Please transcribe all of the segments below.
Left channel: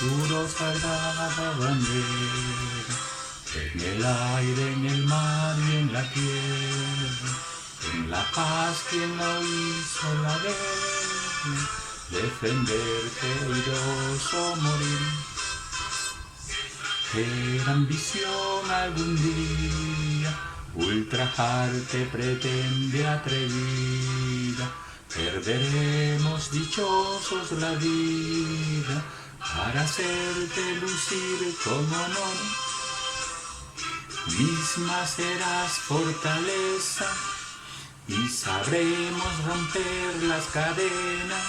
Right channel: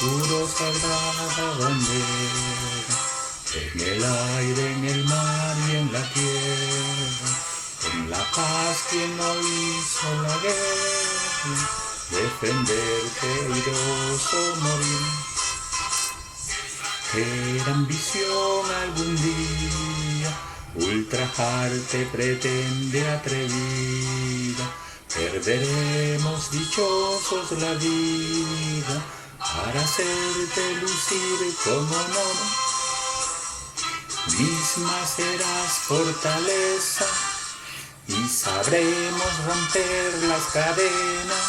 juro sagrada bandera, en el aire, en el mar y en la tierra, con la paz quien no hizo la guerra, defenderte airoso morir. Era ambición algún día, ultrajarte pretende atrevida, perderemos dichosos la vida, para hacerte lucir como no. Misma serás fortaleza, y sabremos romper las cadenas,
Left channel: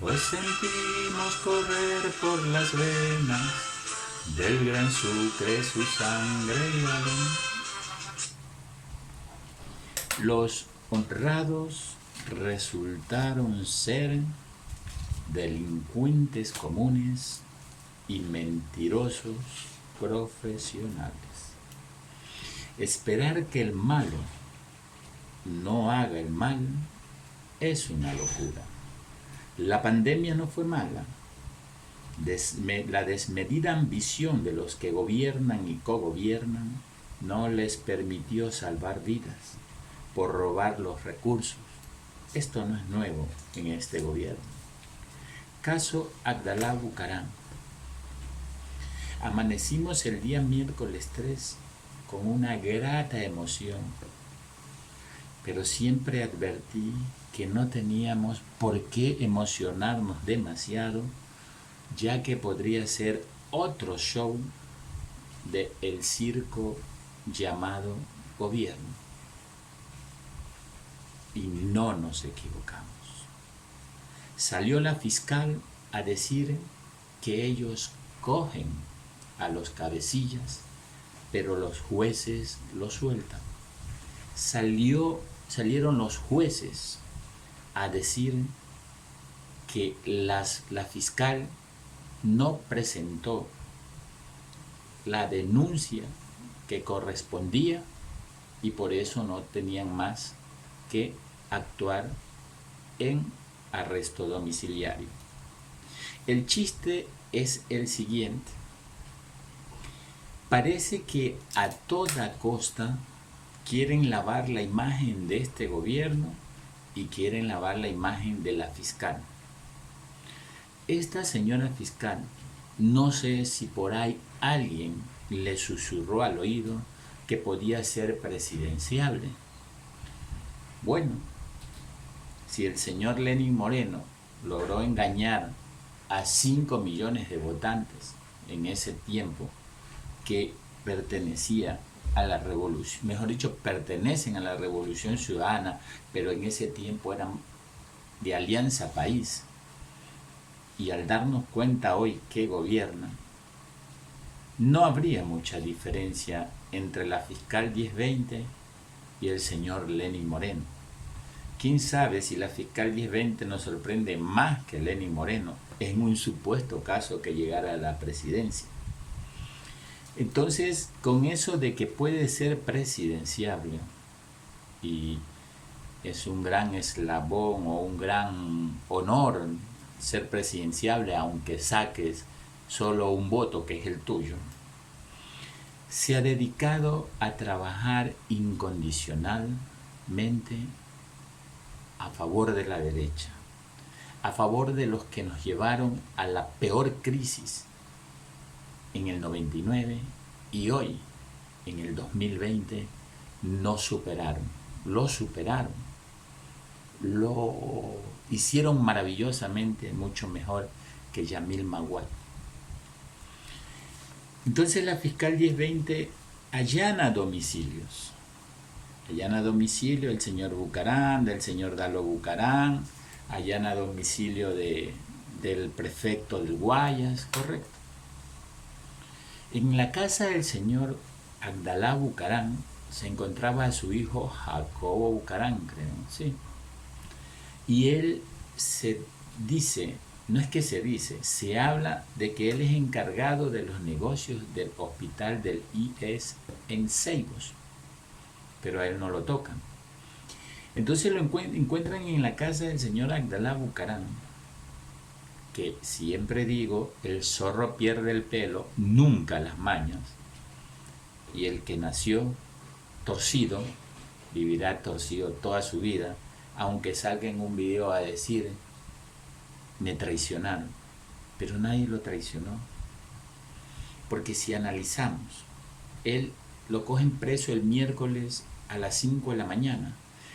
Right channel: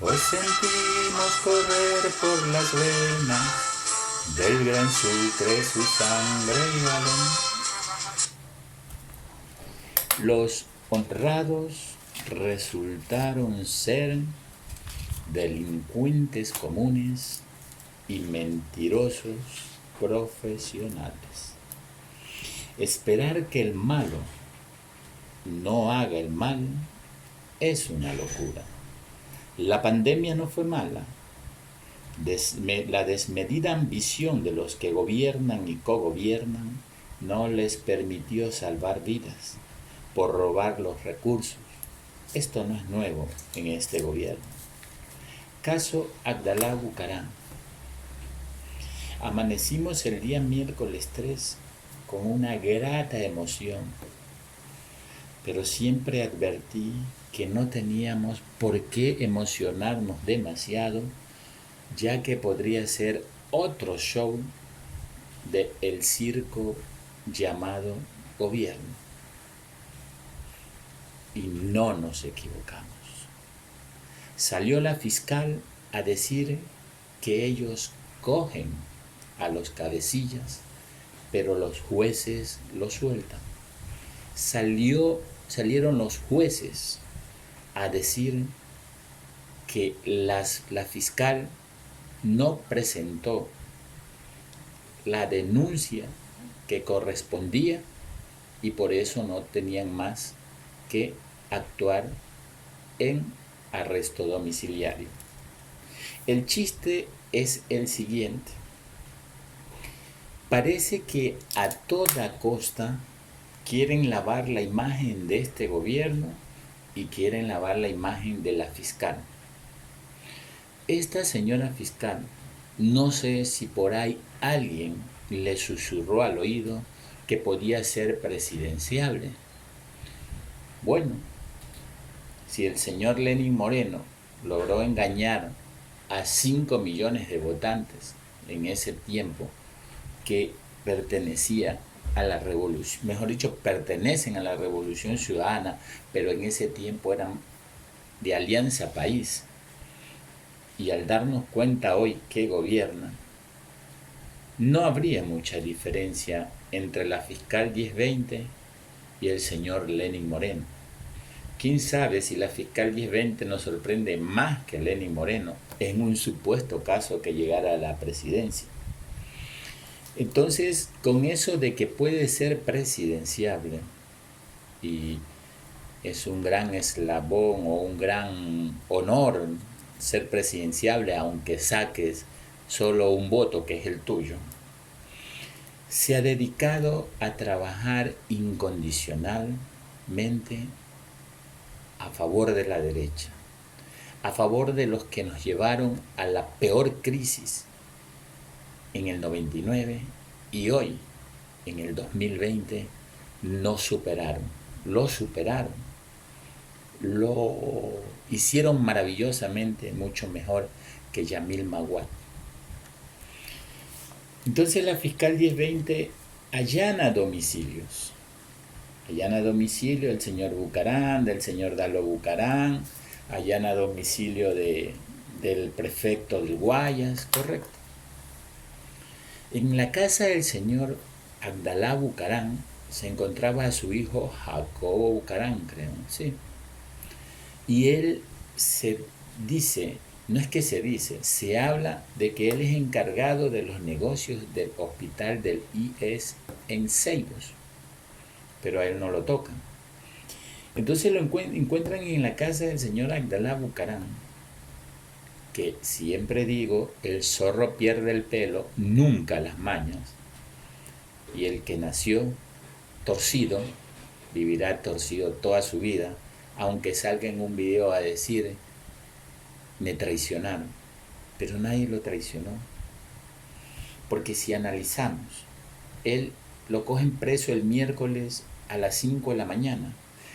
pues sentimos correr por las venas del gran Sucre su sangre y galón. Los honrados resultaron ser delincuentes comunes y mentirosos profesionales. Esperar que el malo no haga el mal es una locura. La pandemia no fue mala. La desmedida ambición de los que gobiernan y cogobiernan no les permitió salvar vidas por robar los recursos. Esto no es nuevo en este gobierno. Caso Abdalá Bucaram. Amanecimos el día miércoles 3 con una grata emoción, pero siempre advertí que no teníamos por qué emocionarnos demasiado, ya que podría ser otro show de el circo llamado gobierno. Y no nos equivocamos. Salió la fiscal a decir que ellos cogen a los cabecillas, pero los jueces los sueltan. Salieron los jueces a decir que la fiscal no presentó la denuncia que correspondía y por eso no tenían más que actuar en arresto domiciliario. El chiste es el siguiente. Parece que a toda costa quieren lavar la imagen de este gobierno y quieren lavar la imagen de la fiscal. Esta señora fiscal, no sé si por ahí alguien le susurró al oído que podía ser presidenciable. Bueno, si el señor Lenín Moreno logró engañar a 5 millones de votantes en ese tiempo que pertenecía a la revolución, mejor dicho, pertenecen a la Revolución Ciudadana, pero en ese tiempo eran de Alianza País, y al darnos cuenta hoy que gobiernan, no habría mucha diferencia entre la fiscal 1020 y el señor Lenín Moreno. ¿Quién sabe si la fiscal 1020 nos sorprende más que Lenín Moreno en un supuesto caso que llegara a la presidencia? Entonces, con eso de que puede ser presidenciable y es un gran eslabón o un gran honor ser presidenciable, aunque saques solo un voto que es el tuyo, se ha dedicado a trabajar incondicionalmente a favor de la derecha, a favor de los que nos llevaron a la peor crisis en el 99 y hoy, en el 2020, nos superaron, lo superaron, lo hicieron maravillosamente mucho mejor que Yamil Maguad. Entonces la fiscal 1020 allana domicilios del señor Bucaram, del señor Dalo Bucaram, allana domicilio del prefecto del Guayas, correcto. En la casa del señor Abdalá Bucaram se encontraba su hijo Jacobo Bucaram, creo, sí. Y él se dice, no es que se dice, se habla de que él es encargado de los negocios del hospital del IES en Ceibos, pero a él no lo tocan. Entonces lo encuentran en la casa del señor Abdalá Bucaram, que siempre digo, el zorro pierde el pelo, nunca las mañas, y el que nació torcido vivirá torcido toda su vida, aunque salga en un video a decir, me traicionaron, pero nadie lo traicionó, porque si analizamos, él lo cogen preso el miércoles a las 5 de la mañana,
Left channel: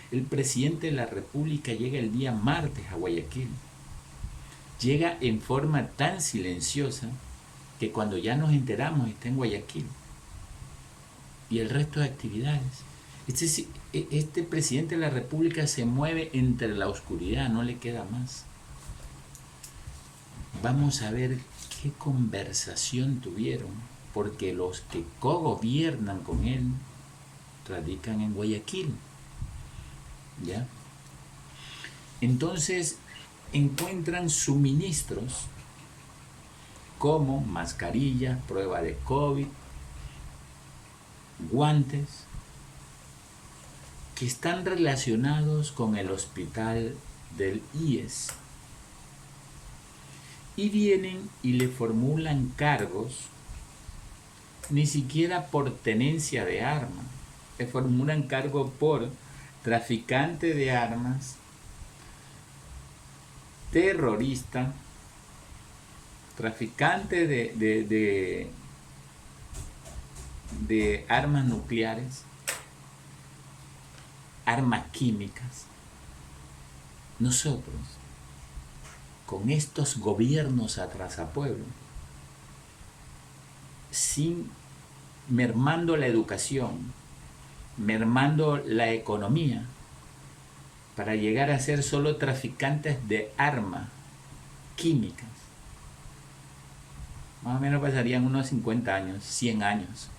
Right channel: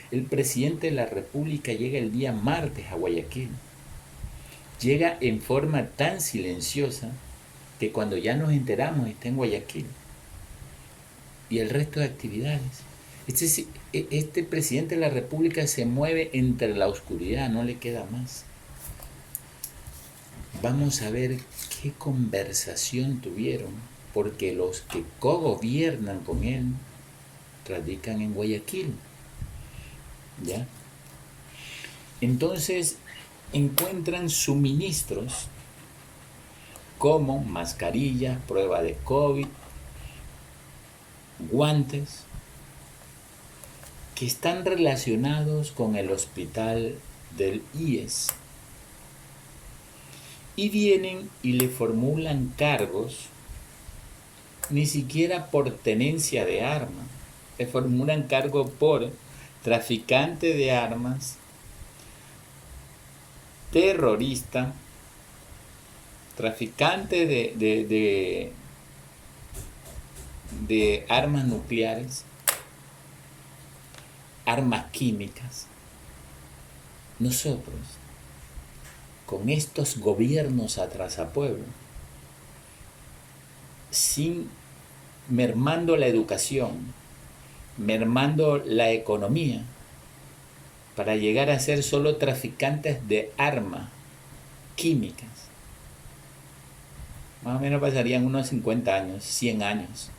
el presidente de la República llega el día martes a Guayaquil, llega en forma tan silenciosa que cuando ya nos enteramos está en Guayaquil, y el resto de actividades. Este presidente de la República se mueve entre la oscuridad, no le queda más. Vamos a ver qué conversación tuvieron, porque los que cogobiernan con él radican en Guayaquil, ¿ya? Entonces encuentran suministros como mascarillas, prueba de COVID, guantes, que están relacionados con el hospital del IES. Y vienen y le formulan cargos, ni siquiera por tenencia de armas, le formulan cargo por traficante de armas, terrorista, traficante de armas nucleares, armas químicas. Nosotros, con estos gobiernos atrasapueblo, sin mermando la educación, mermando la economía, para llegar a ser solo traficantes de armas químicas, más o menos pasarían unos 50 años, 100 años,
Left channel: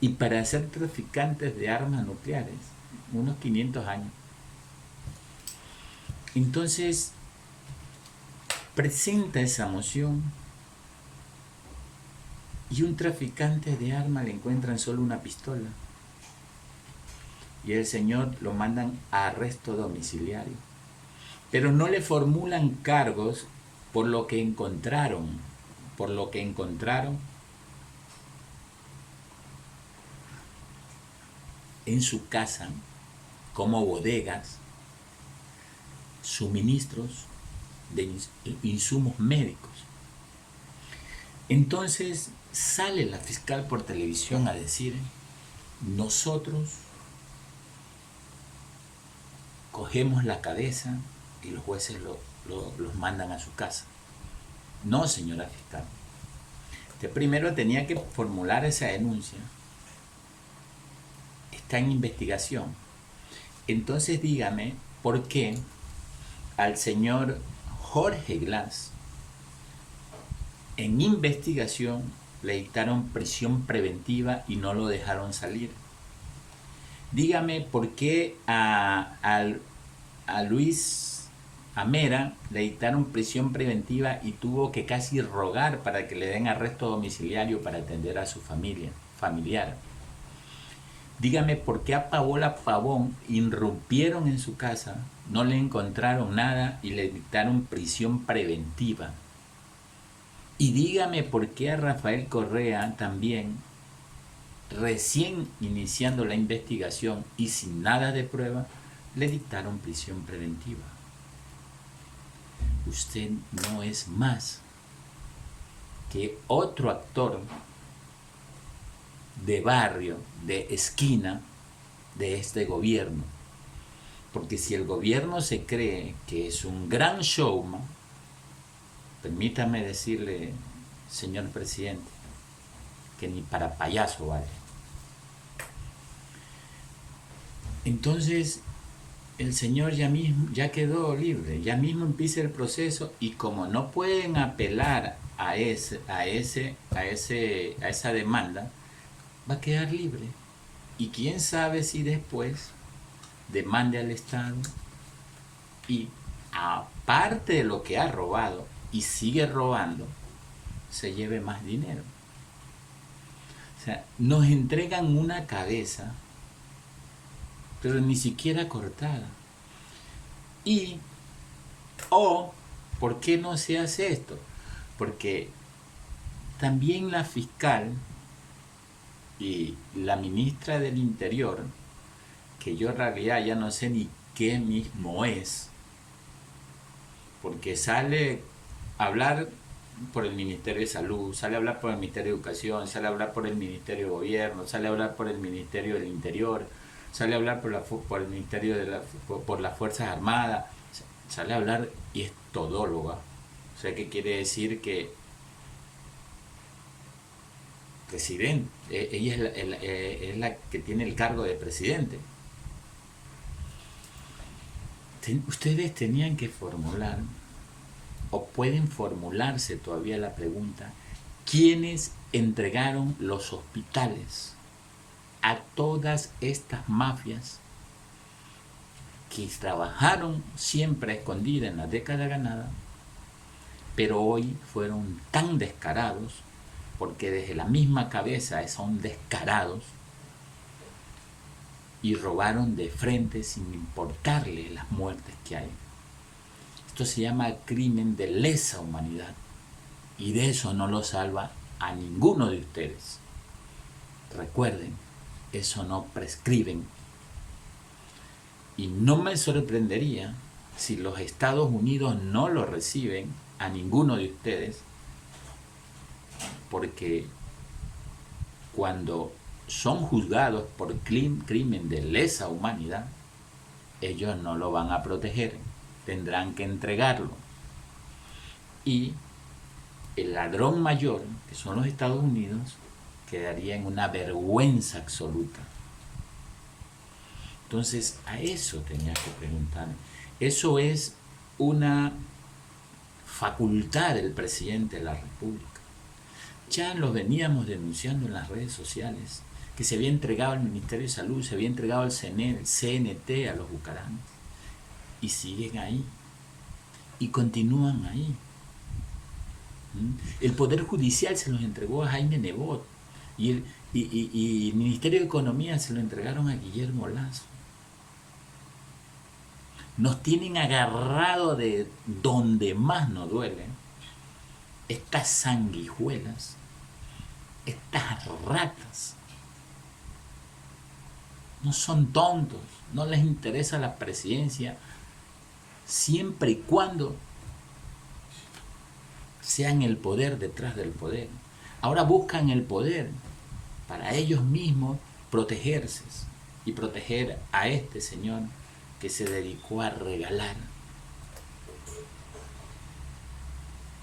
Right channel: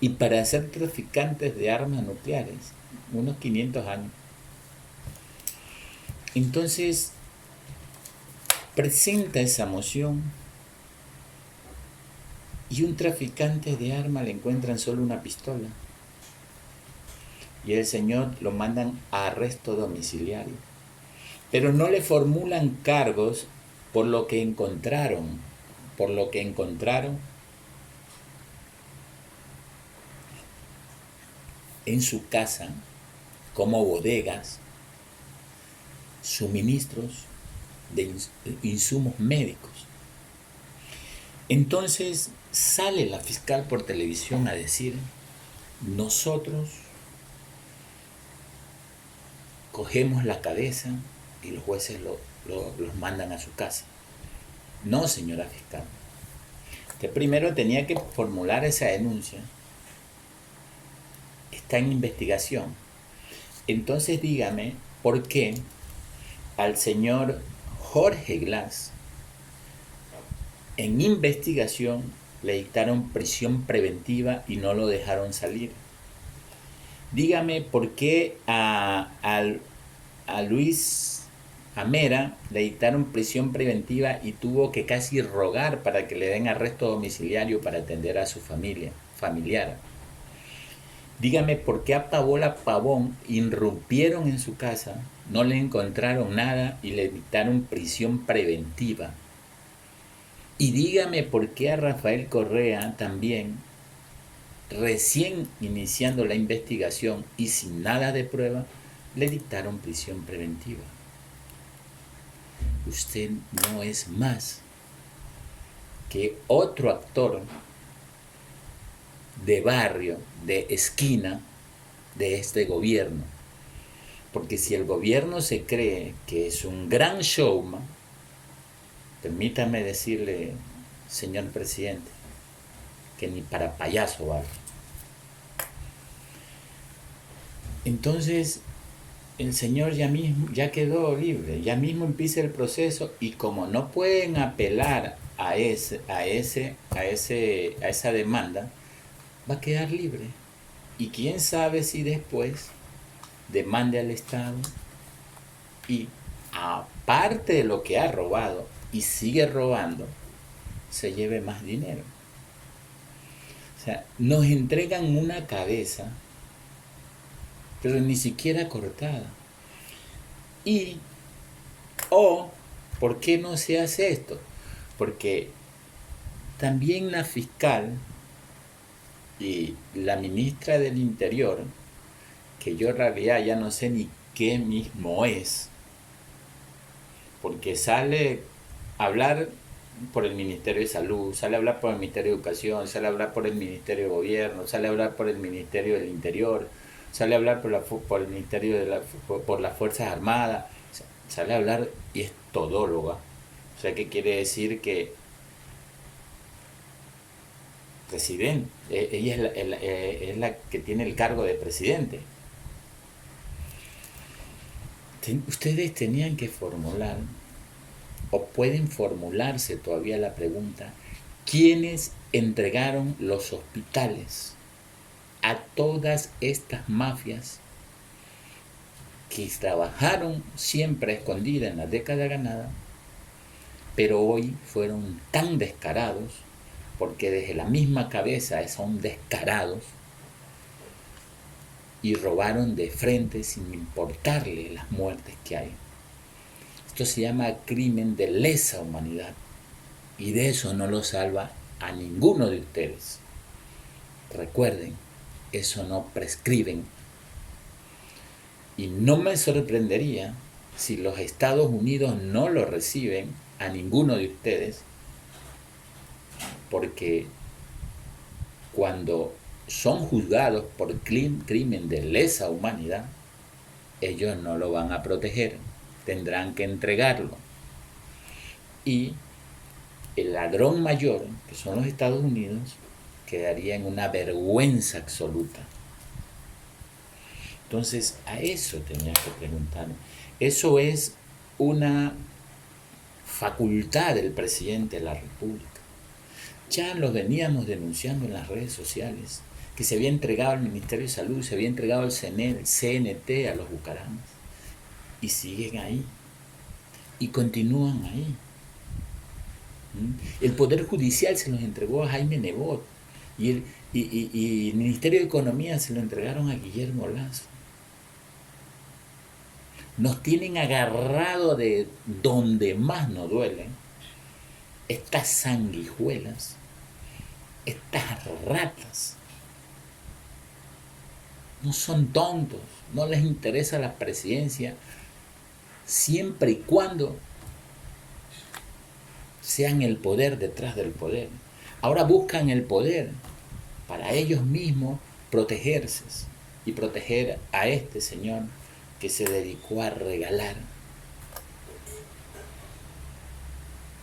y para ser traficantes de armas nucleares, unos 500 años. Entonces, presenta esa moción y un traficante de armas le encuentran solo una pistola y el señor lo mandan a arresto domiciliario, pero no le formulan cargos por lo que encontraron en su casa, como bodegas, suministros de insumos médicos. Entonces sale la fiscal por televisión a decir, nosotros cogemos la cabeza y los jueces los mandan a su casa. No, señora fiscal. Usted primero tenía que formular esa denuncia. Está en investigación. Entonces dígame por qué al señor Jorge Glass en investigación le dictaron prisión preventiva y no lo dejaron salir. Dígame por qué a Luis Amera le dictaron prisión preventiva y tuvo que casi rogar para que le den arresto domiciliario para atender a su familiar. Dígame por qué a Paola Pavón irrumpieron en su casa, no le encontraron nada y le dictaron prisión preventiva. Y dígame por qué a Rafael Correa también, recién iniciando la investigación y sin nada de prueba, le dictaron prisión preventiva. Usted no es más que otro actor de barrio, de esquina, de este gobierno. Porque si el gobierno se cree que es un gran showman, permítame decirle, señor presidente, que ni para payaso vale. Entonces, el señor ya quedó libre, ya mismo empieza el proceso y como no pueden apelar a esa demanda, va a quedar libre. Y quién sabe si después demande al Estado y aparte de lo que ha robado y sigue robando, se lleve más dinero. O sea, nos entregan una cabeza, pero ni siquiera cortada. ¿Por qué no se hace esto? porque también la fiscal y la ministra del Interior, que yo en realidad ya no sé ni qué mismo es, porque sale a hablar por el Ministerio de Salud, sale a hablar por el Ministerio de Educación, sale a hablar por el Ministerio de Gobierno, sale a hablar por el Ministerio del Interior, sale a hablar por el Ministerio por las Fuerzas Armadas, sale a hablar y es todóloga. O sea, que quiere decir que presidente, ella es la que tiene el cargo de presidente. Ustedes tenían que formular, o pueden formularse todavía la pregunta, ¿quiénes entregaron los hospitales a todas estas mafias que trabajaron siempre escondidas en la década ganada, pero hoy fueron tan descarados, porque desde la misma cabeza son descarados, y robaron de frente sin importarle las muertes que hay? Esto se llama crimen de lesa humanidad, y de eso no lo salva a ninguno de ustedes. Recuerden, eso no prescriben. Y no me sorprendería si los Estados Unidos no lo reciben a ninguno de ustedes, porque cuando son juzgados por crimen de lesa humanidad, ellos no lo van a proteger, tendrán que entregarlo. Y el ladrón mayor, que son los Estados Unidos, quedaría en una vergüenza absoluta. Entonces, a eso tenía que preguntar. Eso es una facultad del presidente de la República. Ya lo veníamos denunciando en las redes sociales, que se había entregado al Ministerio de Salud, se había entregado al CNT, a los bucaranos, y siguen ahí, y continúan ahí. El Poder Judicial se los entregó a Jaime Nebot, y el Ministerio de Economía se lo entregaron a Guillermo Lazo. Nos tienen agarrado de donde más nos duele estas sanguijuelas, estas ratas. No son tontos, no les interesa la presidencia, siempre y cuando sean el poder detrás del poder. Ahora buscan el poder para ellos mismos protegerse y proteger a este señor que se dedicó a regalar.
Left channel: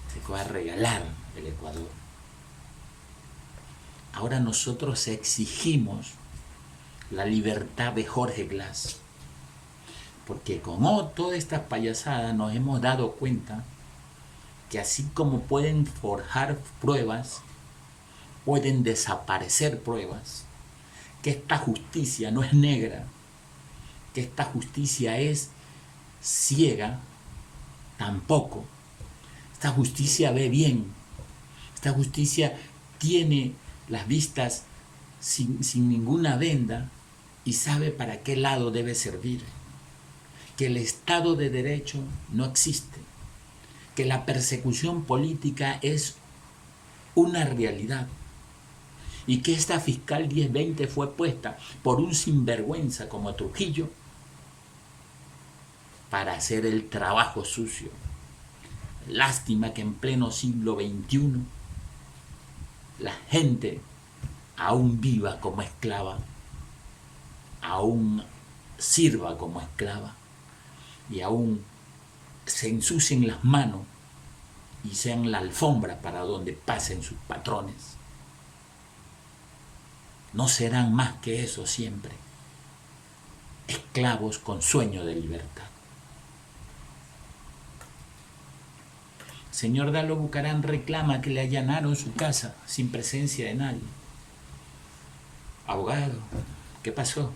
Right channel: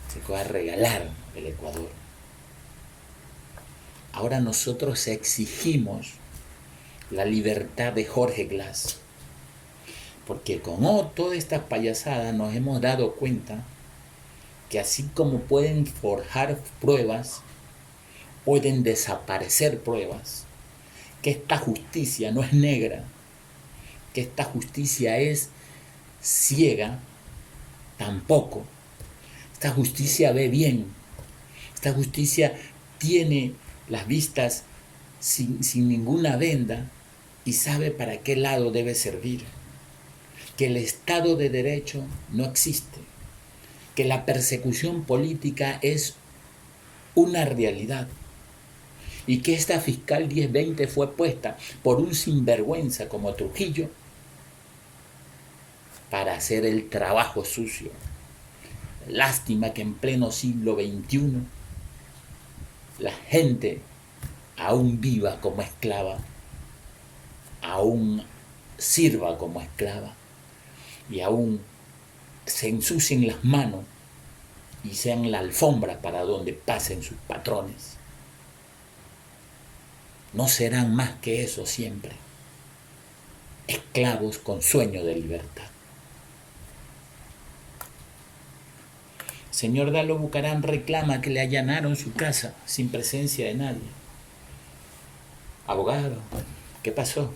Se dedicó a regalar el Ecuador. Ahora nosotros exigimos la libertad de Jorge Glass, porque con todas estas payasadas nos hemos dado cuenta que así como pueden forjar pruebas, pueden desaparecer pruebas, que esta justicia no es negra, que esta justicia es ciega, tampoco. Esta justicia ve bien, esta justicia tiene las vistas sin ninguna venda y sabe para qué lado debe servir, que el Estado de Derecho no existe, que la persecución política es una realidad, y que esta fiscal 1020 fue puesta por un sinvergüenza como Trujillo para hacer el trabajo sucio. Lástima que en pleno siglo XXI la gente aún viva como esclava, aún sirva como esclava y aún se ensucien las manos y sean la alfombra para donde pasen sus patrones. No serán más que eso siempre, esclavos con sueño de libertad. Señor Dalo Bucarán reclama que le allanaron su casa sin presencia de nadie. Abogado, ¿qué pasó?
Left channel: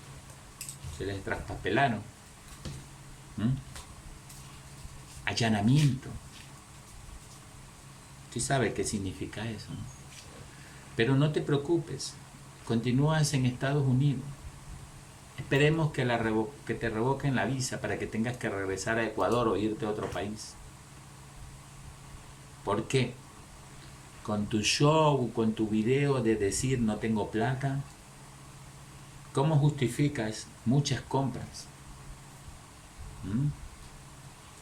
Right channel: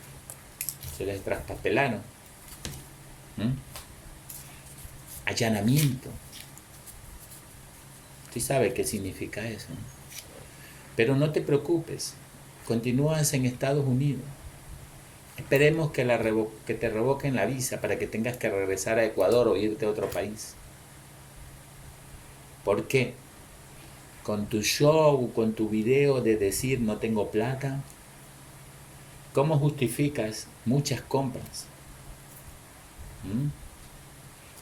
Se les traspapelaron. Allanamiento. Usted sabe qué significa eso, ¿no? Pero no te preocupes, continúas en Estados Unidos. Esperemos que te revoquen la visa para que tengas que regresar a Ecuador o irte a otro país. ¿Por qué? con tu show, con tu video de decir no tengo plata? ¿Cómo justificas muchas compras? ¿Mm?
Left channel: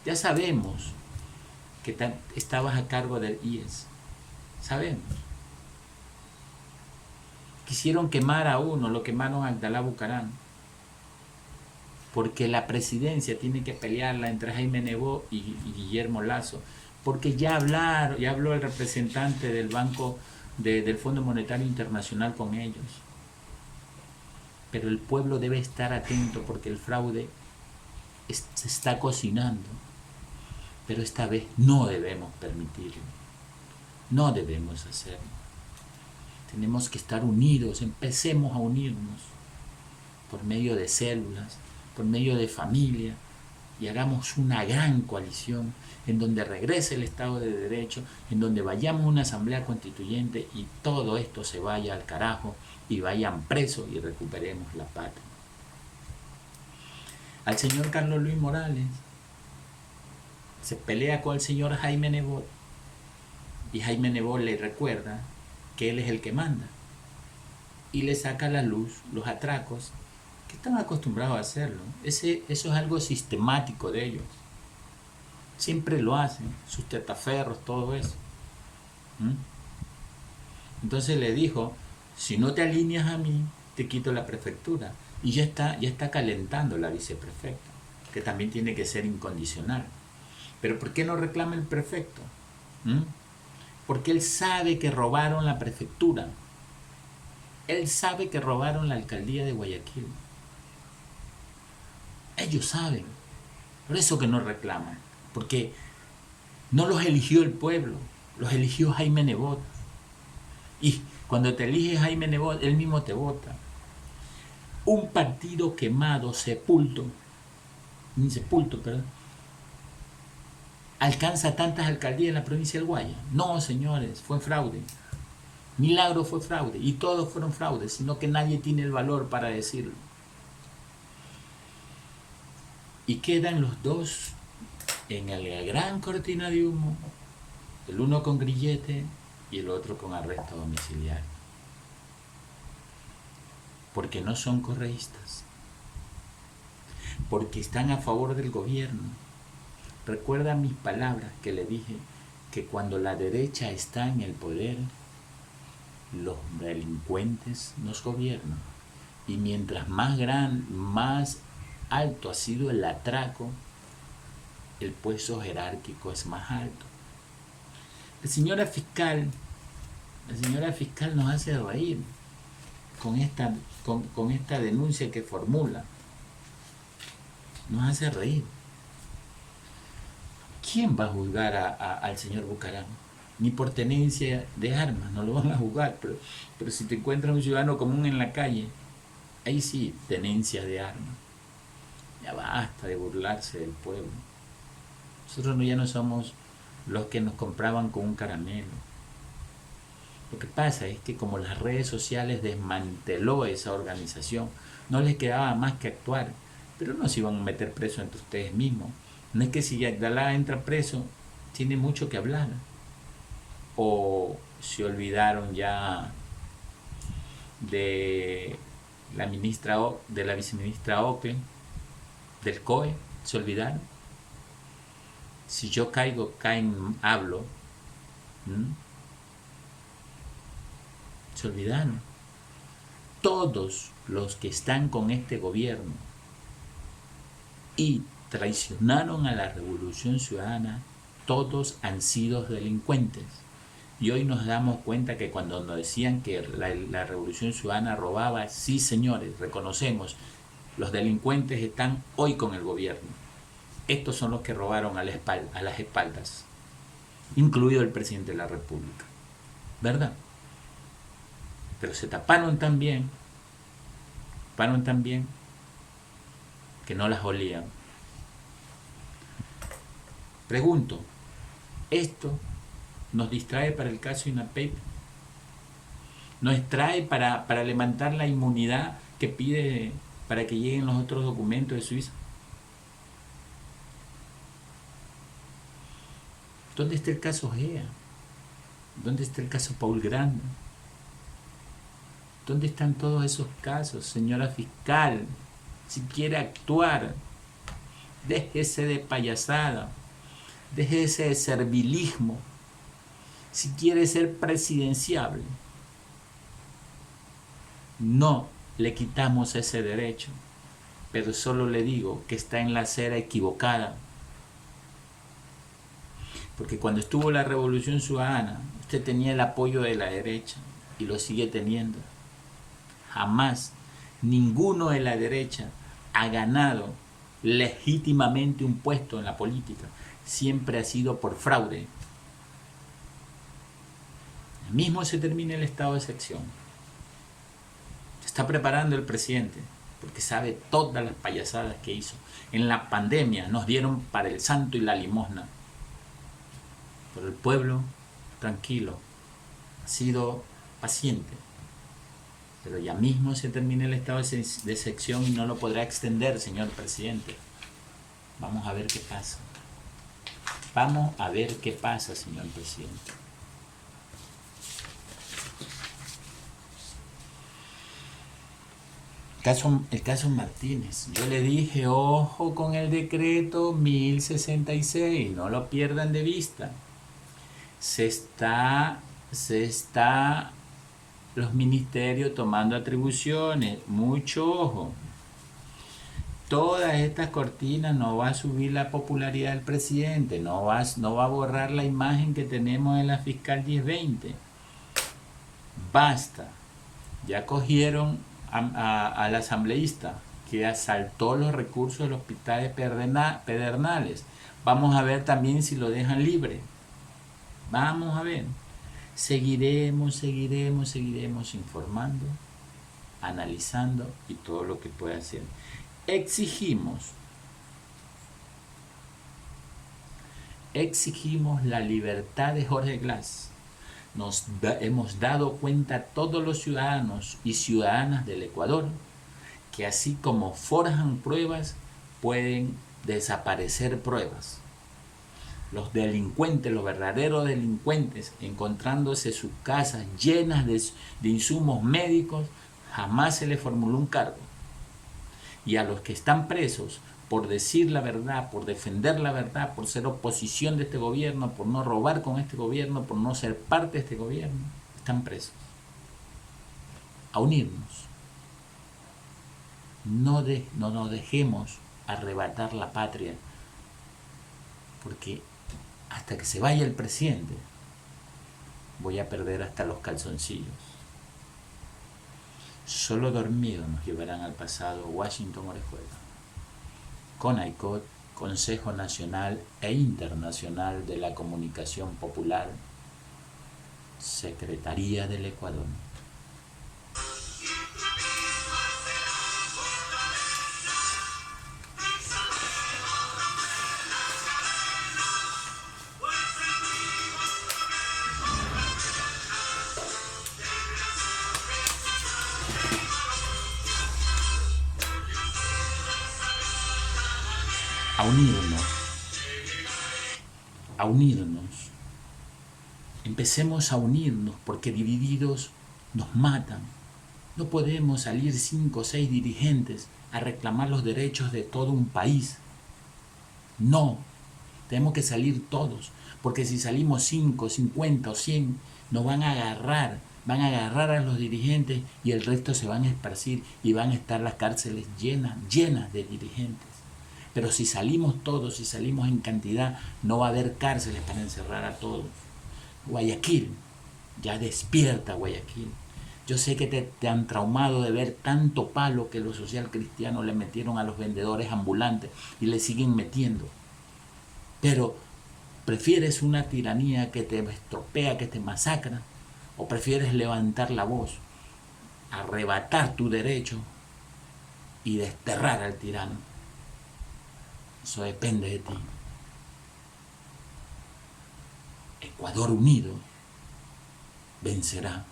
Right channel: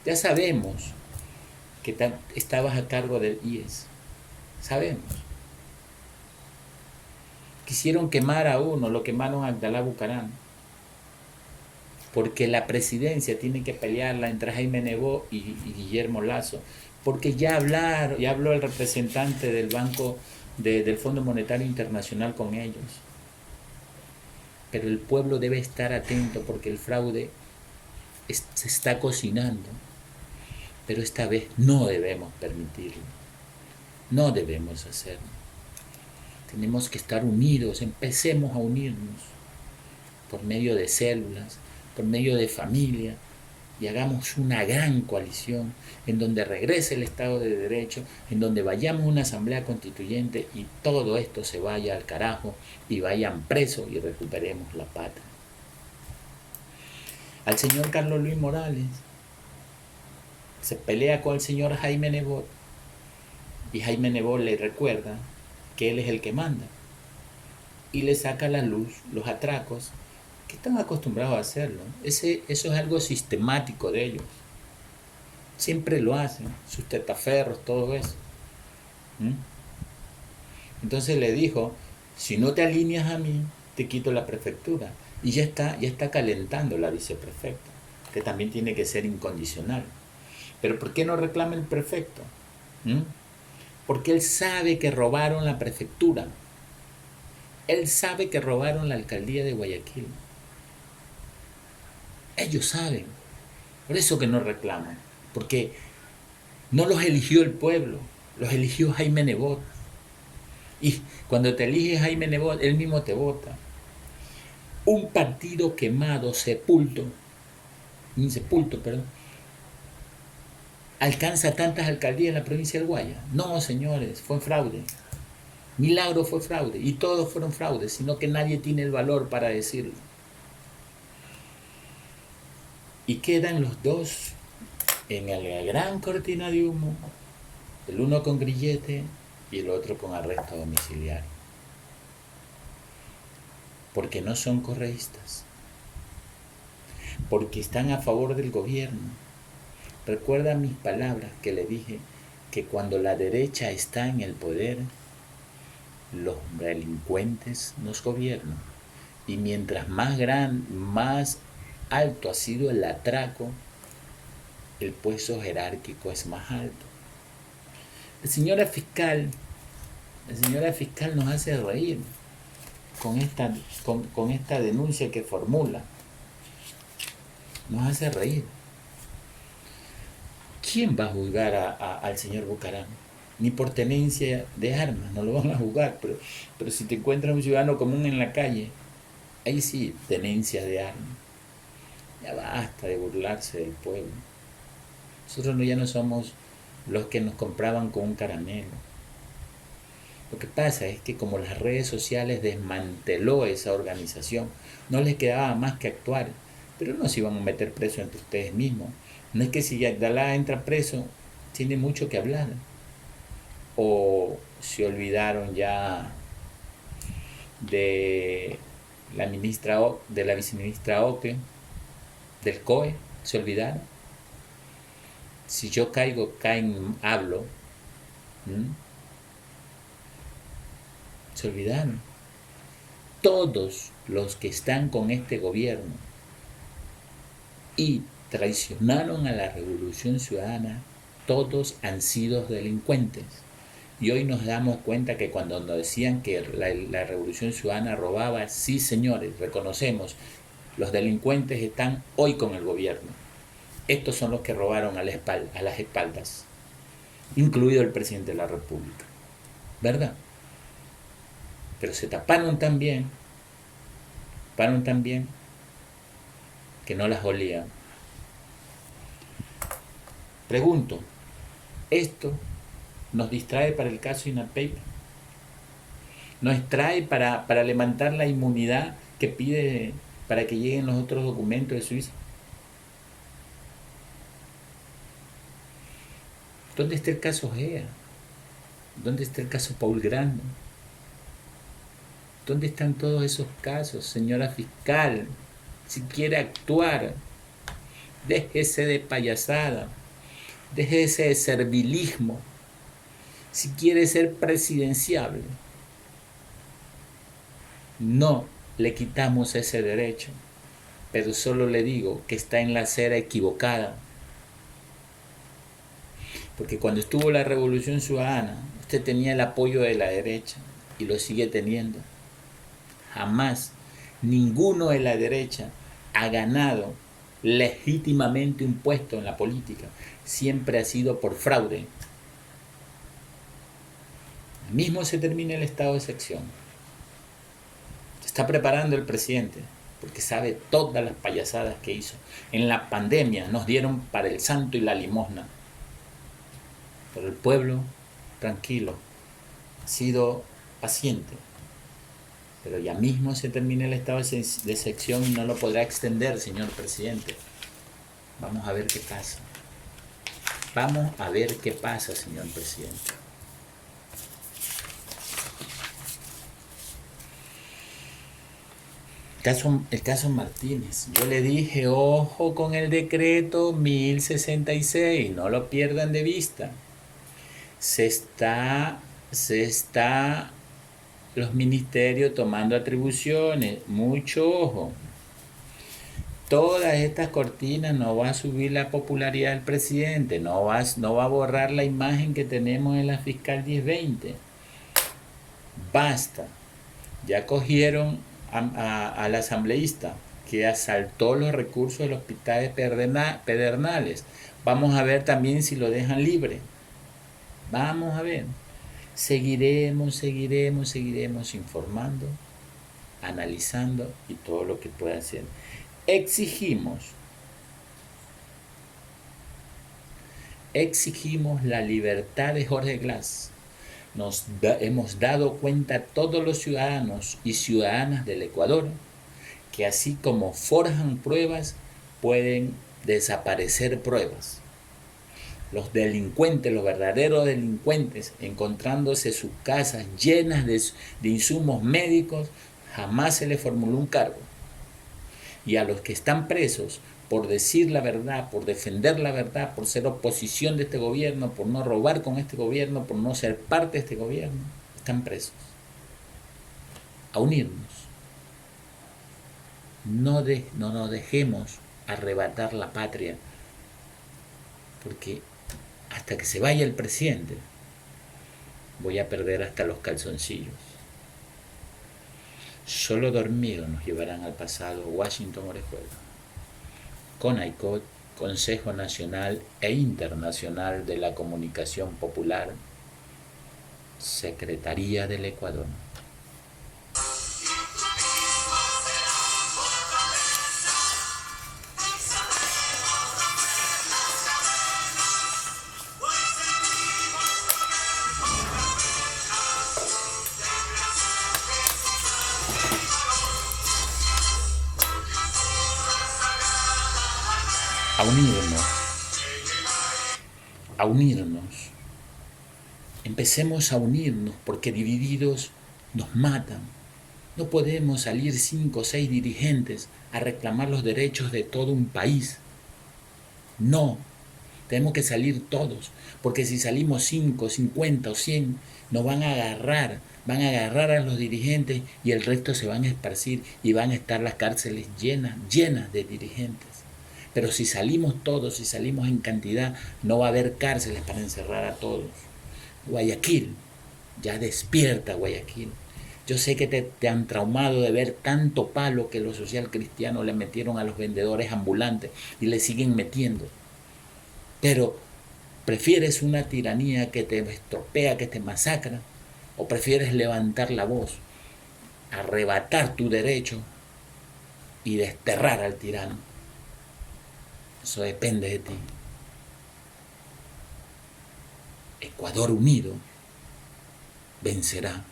Ya sabemos que estabas a cargo del IES. Sabemos. Quisieron quemar a uno, lo quemaron a Abdalá Bucaram. Porque la presidencia tiene que pelearla entre Jaime Nebot y Guillermo Lasso. Porque ya habló el representante del del Fondo Monetario Internacional con ellos. Pero el pueblo debe estar atento porque el fraude se está cocinando. Pero esta vez no debemos permitirlo. No debemos hacerlo. Tenemos que estar unidos, empecemos a unirnos por medio de células, por medio de familia, y hagamos una gran coalición en donde regrese el Estado de Derecho, en donde vayamos a una asamblea constituyente y todo esto se vaya al carajo y vayan presos y recuperemos la patria. Al señor Carlos Luis Morales se pelea con el señor Jaime Nebot y Jaime Nebot le recuerda que él es el que manda y le saca a la luz los atracos que están acostumbrados a hacerlo. Eso es algo sistemático de ellos. Siempre lo hacen, sus testaferros, todo eso. Entonces le dijo, si no te alineas a mí, te quito la prefectura. Y ya está calentando la viceprefecta, que también tiene que ser incondicional. Pero ¿por qué no reclama el prefecto? Porque él sabe que robaron la prefectura. Él sabe que robaron la alcaldía de Guayaquil. Ellos saben. Por eso que no reclaman. Porque no los eligió el pueblo, los eligió Jaime Nebot. Y cuando te elige Jaime Nebot, él mismo te vota. Un partido quemado, insepulto, alcanza tantas alcaldías en la provincia del Guaya. No, señores, fue fraude. Milagro fue fraude. Y todos fueron fraudes, sino que nadie tiene el valor para decirlo. Y quedan los dos en la gran cortina de humo, el uno con grillete y el otro con arresto domiciliario. Porque no son correístas, porque están a favor del gobierno. Recuerda mis palabras que le dije, que cuando la derecha está en el poder, los delincuentes nos gobiernan. Y mientras más alto ha sido el atraco, el puesto jerárquico es más alto. La señora fiscal nos hace reír con esta denuncia que formula. Nos hace reír. ¿Quién va a juzgar al señor Bucaram? Ni por tenencia de armas, no lo van a juzgar, pero si te encuentras un ciudadano común en la calle, ahí sí, tenencia de armas. Ya basta de burlarse del pueblo. Nosotros ya no somos los que nos compraban con un caramelo. Lo que pasa es que como las redes sociales desmanteló esa organización, no les quedaba más que actuar, pero no se iban a meter preso entre ustedes mismos. No es que si Abdalá entra preso, tiene mucho que hablar. O se olvidaron ya de la viceministra Ocle, del COE, se olvidaron. Si yo caigo, hablo. Se olvidaron. Todos los que están con este gobierno y traicionaron a la Revolución Ciudadana, todos han sido delincuentes. Y hoy nos damos cuenta que cuando nos decían que la Revolución Ciudadana robaba, sí señores, reconocemos, los delincuentes están hoy con el gobierno. Estos son los que robaron a las espaldas, incluido el presidente de la República. ¿Verdad? Pero se taparon tan bien que no las olían. Pregunto, ¿esto nos distrae para el caso INAPEP? ¿Nos distrae para levantar la inmunidad que pide para que lleguen los otros documentos de Suiza? ¿Dónde está el caso GEA? ¿Dónde está el caso Paul Grande? ¿Dónde están todos esos casos, señora fiscal? Si quiere actuar, déjese de payasada, déjese de servilismo. Si quiere ser presidenciable, no le quitamos ese derecho, pero solo le digo que está en la acera equivocada. Porque cuando estuvo la Revolución Ciudadana, usted tenía el apoyo de la derecha y lo sigue teniendo. Jamás ninguno de la derecha ha ganado legítimamente un puesto en la política. Siempre ha sido por fraude. Mismo se termina el estado de excepción. Se está preparando el presidente porque sabe todas las payasadas que hizo. En la pandemia nos dieron para el santo y la limosna. Pero el pueblo, tranquilo, ha sido paciente. Pero ya mismo se termina el estado de excepción y no lo podrá extender, señor presidente. Vamos a ver qué pasa. Vamos a ver qué pasa, señor presidente. El caso Martínez. Yo le dije, ojo con el decreto 1066, no lo pierdan de vista. Se está los ministerios tomando atribuciones, mucho ojo. Todas estas cortinas no va a subir la popularidad del presidente, no va a borrar la imagen que tenemos en la fiscal 1020. Basta. Ya cogieron al asambleísta que asaltó los recursos del hospital de Pedernales. Vamos a ver también si lo dejan libre. Vamos a ver. Seguiremos informando, analizando y todo lo que pueda hacer. Exigimos la libertad de Jorge Glass. Hemos dado cuenta a todos los ciudadanos y ciudadanas del Ecuador que así como forjan pruebas, pueden desaparecer pruebas. Los delincuentes, los verdaderos delincuentes, encontrándose sus casas llenas de insumos médicos, jamás se les formuló un cargo. Y a los que están presos por decir la verdad, por defender la verdad, por ser oposición de este gobierno, por no robar con este gobierno, por no ser parte de este gobierno, están presos. A unirnos. No nos dejemos arrebatar la patria, porque hasta que se vaya el presidente voy a perder hasta los calzoncillos. Solo dormidos nos llevarán al pasado. Washington Orejuela. CONAICOT, Consejo Nacional e Internacional de la Comunicación Popular, Secretaría del Ecuador. A unirnos. Empecemos a unirnos, porque divididos nos matan. No podemos salir 5 o 6 dirigentes a reclamar los derechos de todo un país. No, tenemos que salir todos, porque si salimos 5, 50 o 100, nos van a agarrar a los dirigentes y el resto se van a esparcir y van a estar las cárceles llenas de dirigentes. Pero si salimos todos, si salimos en cantidad, no va a haber cárceles para encerrar a todos. Guayaquil, ya despierta Guayaquil. Yo sé que te han traumado de ver tanto palo que los social cristianos le metieron a los vendedores ambulantes y le siguen metiendo. Pero, ¿prefieres una tiranía que te estropea, que te masacra? ¿O prefieres levantar la voz, arrebatar tu derecho y desterrar al tirano? Eso depende de ti. Ecuador unido vencerá.